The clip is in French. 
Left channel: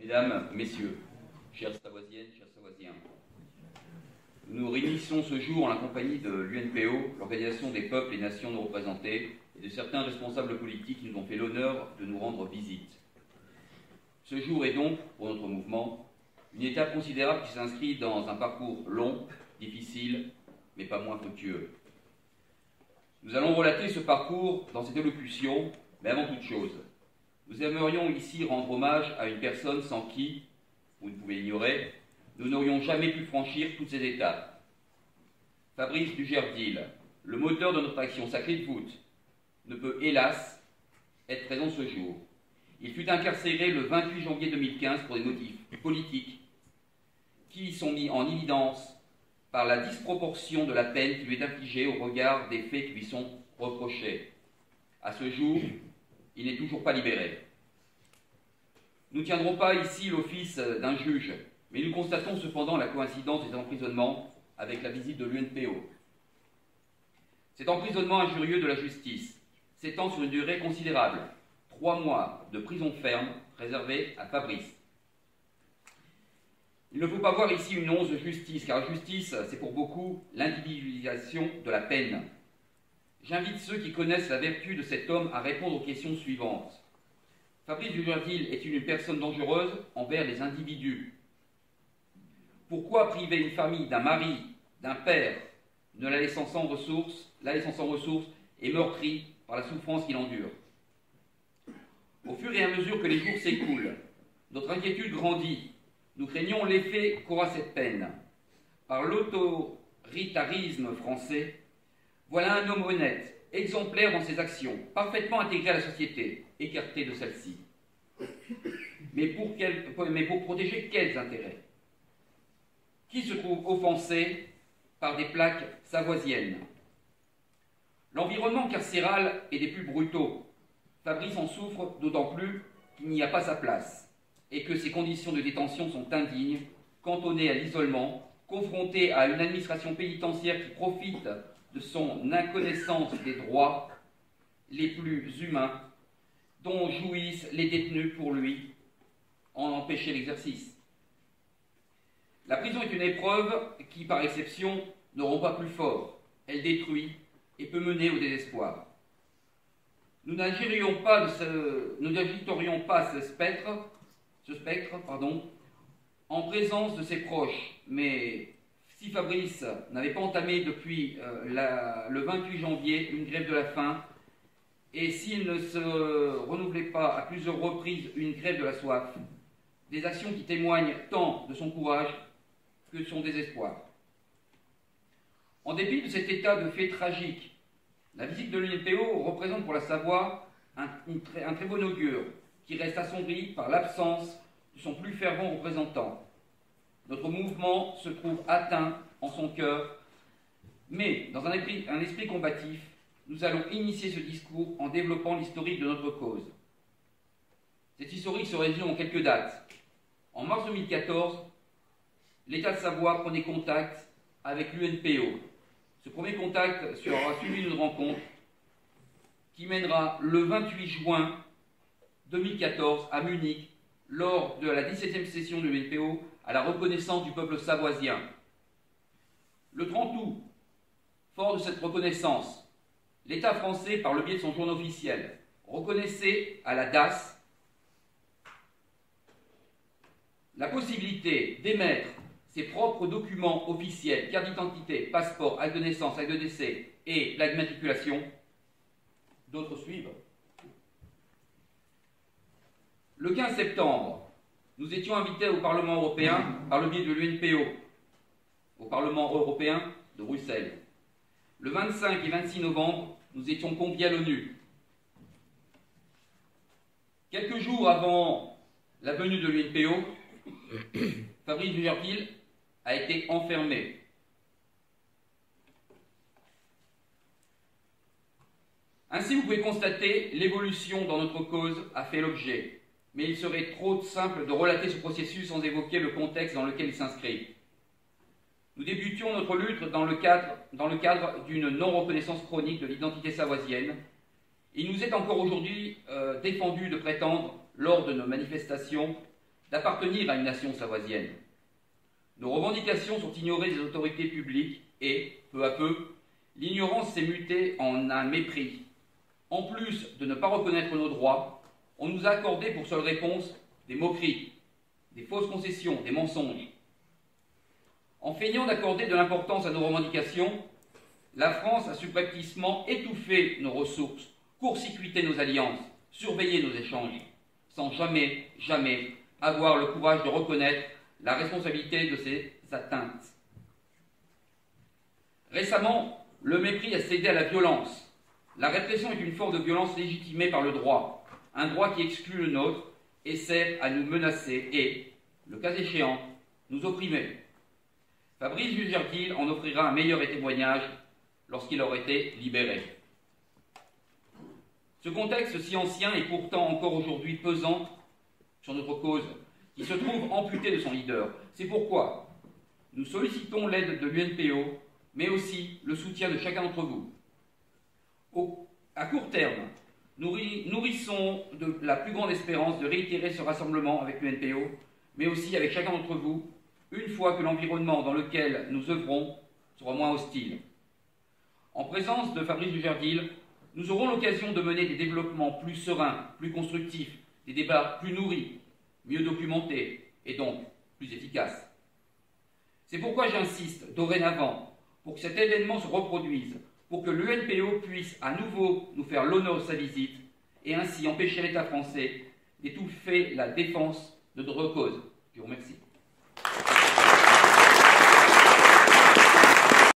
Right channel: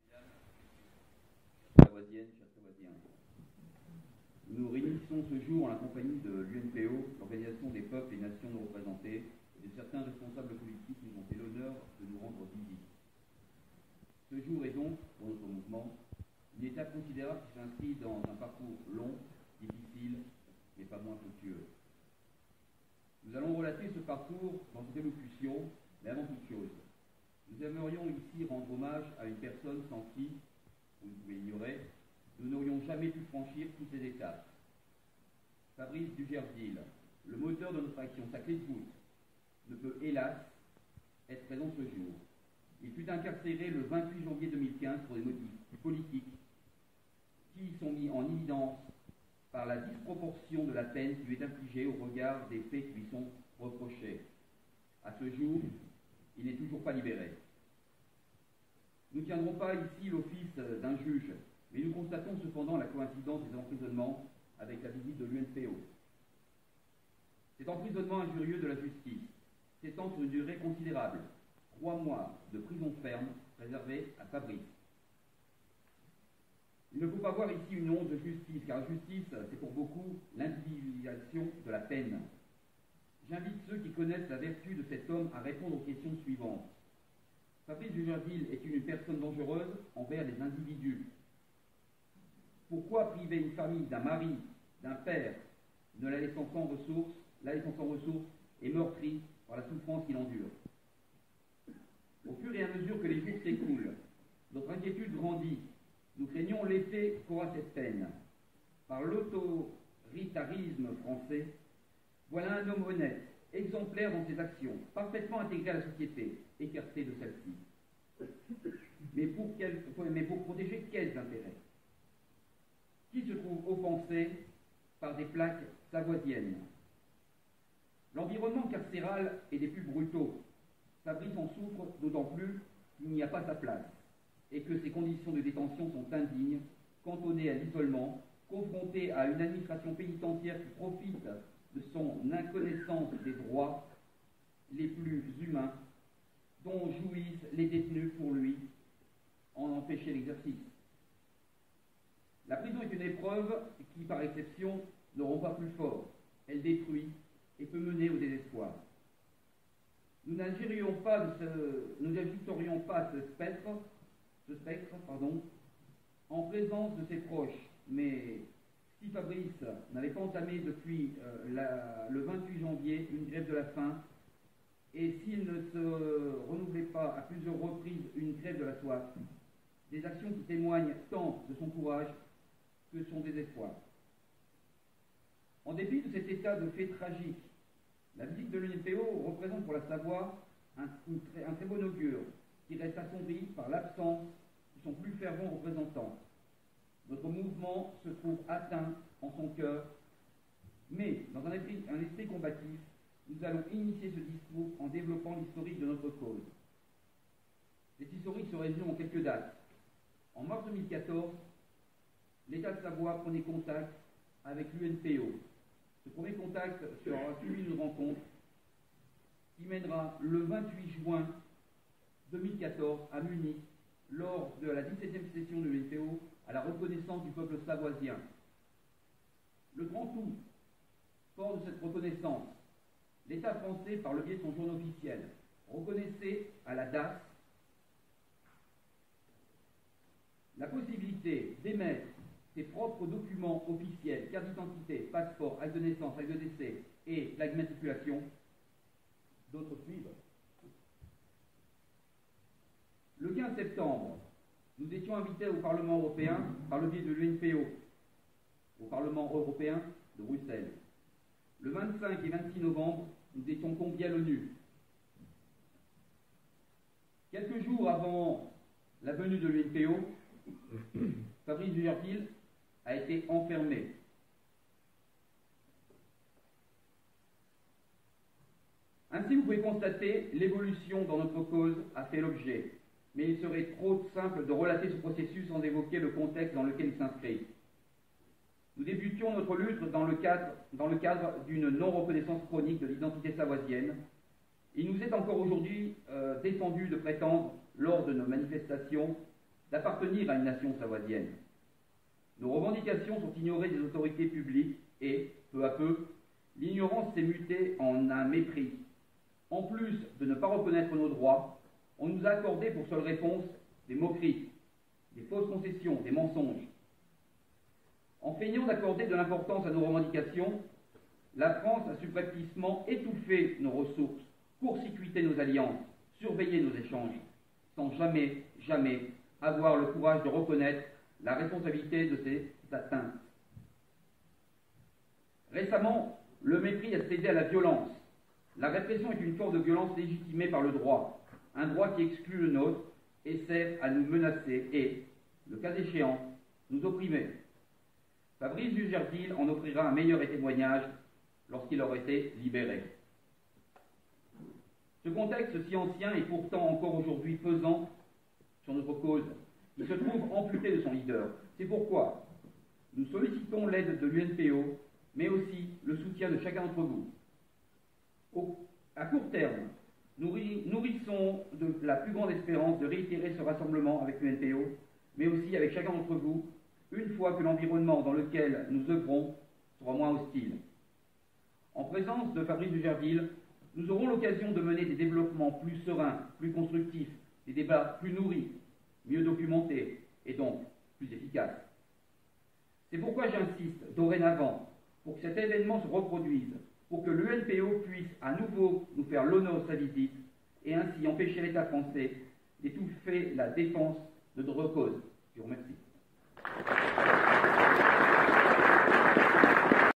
Mesdames, Messieurs, chères Savoisiennes, chers Savoisiens, nous nous réunissons ce jour en la compagnie de l'UNPO, l'Organisation des peuples et nations non représentées, et de certains responsables politiques qui nous ont fait l'honneur de nous rendre visite. Ce jour est donc, pour notre mouvement, une étape considérable qui s'inscrit dans un parcours long, difficile, mais pas moins fructueux. Nous allons relater ce parcours dans cette élocution, mais avant toute chose, nous aimerions ici rendre hommage à une personne sans qui, vous ne pouvez ignorer, nous n'aurions jamais pu franchir toutes ces étapes. Fabrice Dugerdil, le moteur de notre action Sacrée de voûte, ne peut hélas être présent ce jour. Il fut incarcéré le 28 janvier 2015 pour des motifs politiques qui sont mis en évidence par la disproportion de la peine qui lui est infligée au regard des faits qui lui sont reprochés. À ce jour, il n'est toujours pas libéré. Nous ne tiendrons pas ici l'office d'un juge, mais nous constatons cependant la coïncidence des emprisonnements avec la visite de l'UNPO. Cet emprisonnement injurieux de la justice s'étend sur une durée considérable, 3 mois de prison ferme réservée à Fabrice. Il ne faut pas voir ici une once de justice, car la justice, c'est pour beaucoup l'individualisation de la peine. J'invite ceux qui connaissent la vertu de cet homme à répondre aux questions suivantes. Fabrice Dugerdil est-il une personne dangereuse envers les individus? Pourquoi priver une famille d'un mari, d'un père, ne la laissant sans ressources, et meurtrie par la souffrance qu'il endure? Au fur et à mesure que les jours s'écoulent, notre inquiétude grandit. Nous craignons l'effet qu'aura cette peine. Par l'autoritarisme français, voilà un homme honnête, exemplaire dans ses actions, parfaitement intégré à la société, écarté de celle-ci. Mais pour protéger quels intérêts? Qui se trouve offensé par des plaques savoisiennes? L'environnement carcéral est des plus brutaux. Fabrice en souffre d'autant plus qu'il n'y a pas sa place et que ses conditions de détention sont indignes, cantonné à l'isolement, confronté à une administration pénitentiaire qui profite de son inconnaissance des droits les plus humains dont jouissent les détenus pour lui en empêcher l'exercice. La prison est une épreuve qui, par exception, ne rend pas plus fort. Elle détruit et peut mener au désespoir. Nous n'agiterions pas ce spectre, en présence de ses proches, mais si Fabrice n'avait pas entamé depuis le 28 janvier une grève de la faim, et s'il ne se renouvelait pas à plusieurs reprises une grève de la soif, des actions qui témoignent tant de son courage que de son désespoir. En dépit de cet état de fait tragique, la visite de l'UNPO représente pour la Savoie un très bon augure qui reste assombri par l'absence de son plus fervent représentant. Notre mouvement se trouve atteint en son cœur, mais dans un esprit combatif, nous allons initier ce discours en développant l'historique de notre cause. Cette historique se résume en quelques dates. En mars 2014, l'État de Savoie prenait contact avec l'UNPO. Ce premier contact sera suivi d'une rencontre qui mènera le 28 juin 2014 à Munich, lors de la 17e session de l'UNPO, à la reconnaissance du peuple savoisien. Le 30 août, fort de cette reconnaissance, l'État français, par le biais de son journal officiel, reconnaissait à la DAS la possibilité d'émettre ses propres documents officiels, carte d'identité, passeport, acte de naissance, acte de décès et plaque d'immatriculation. D'autres suivent. Le 15 septembre, nous étions invités au Parlement européen par le biais de l'UNPO, au Parlement européen de Bruxelles. Le 25 et 26 novembre, nous étions conviés à l'ONU. Quelques jours avant la venue de l'UNPO, Fabrice Dugerdil a été enfermé. Ainsi, vous pouvez constater l'évolution dans notre cause a fait l'objet, mais il serait trop simple de relater ce processus sans évoquer le contexte dans lequel il s'inscrit. Nous débutions notre lutte dans le cadre d'une non-reconnaissance chronique de l'identité savoisienne. Il nous est encore aujourd'hui défendu de prétendre, lors de nos manifestations, d'appartenir à une nation savoisienne. Nos revendications sont ignorées des autorités publiques et, peu à peu, l'ignorance s'est mutée en un mépris. En plus de ne pas reconnaître nos droits, on nous a accordé pour seule réponse des moqueries, des fausses concessions, des mensonges. En feignant d'accorder de l'importance à nos revendications, la France a subrepticement étouffé nos ressources, court-circuité nos alliances, surveillé nos échanges, sans jamais, jamais avoir le courage de reconnaître la responsabilité de ces atteintes. Récemment, le mépris a cédé à la violence. La répression est une forme de violence légitimée par le droit, un droit qui exclut le nôtre et sert à nous menacer et, le cas échéant, nous opprimer. Fabrice Dujardil en offrira un meilleur témoignage lorsqu'il aura été libéré. Ce contexte si ancien est pourtant encore aujourd'hui pesant sur notre cause, qui se trouve amputée de son leader. C'est pourquoi nous sollicitons l'aide de l'UNPO, mais aussi le soutien de chacun d'entre vous. À court terme, nous nourrissons de la plus grande espérance de réitérer ce rassemblement avec l'UNPO, mais aussi avec chacun d'entre vous, une fois que l'environnement dans lequel nous œuvrons sera moins hostile. En présence de Fabrice Dujardil, nous aurons l'occasion de mener des développements plus sereins, plus constructifs, des débats plus nourris, mieux documentés et donc plus efficaces. C'est pourquoi j'insiste dorénavant pour que cet événement se reproduise, pour que l'UNPO puisse à nouveau nous faire l'honneur de sa visite et ainsi empêcher l'État français d'étouffer la défense de notre cause. Je vous remercie.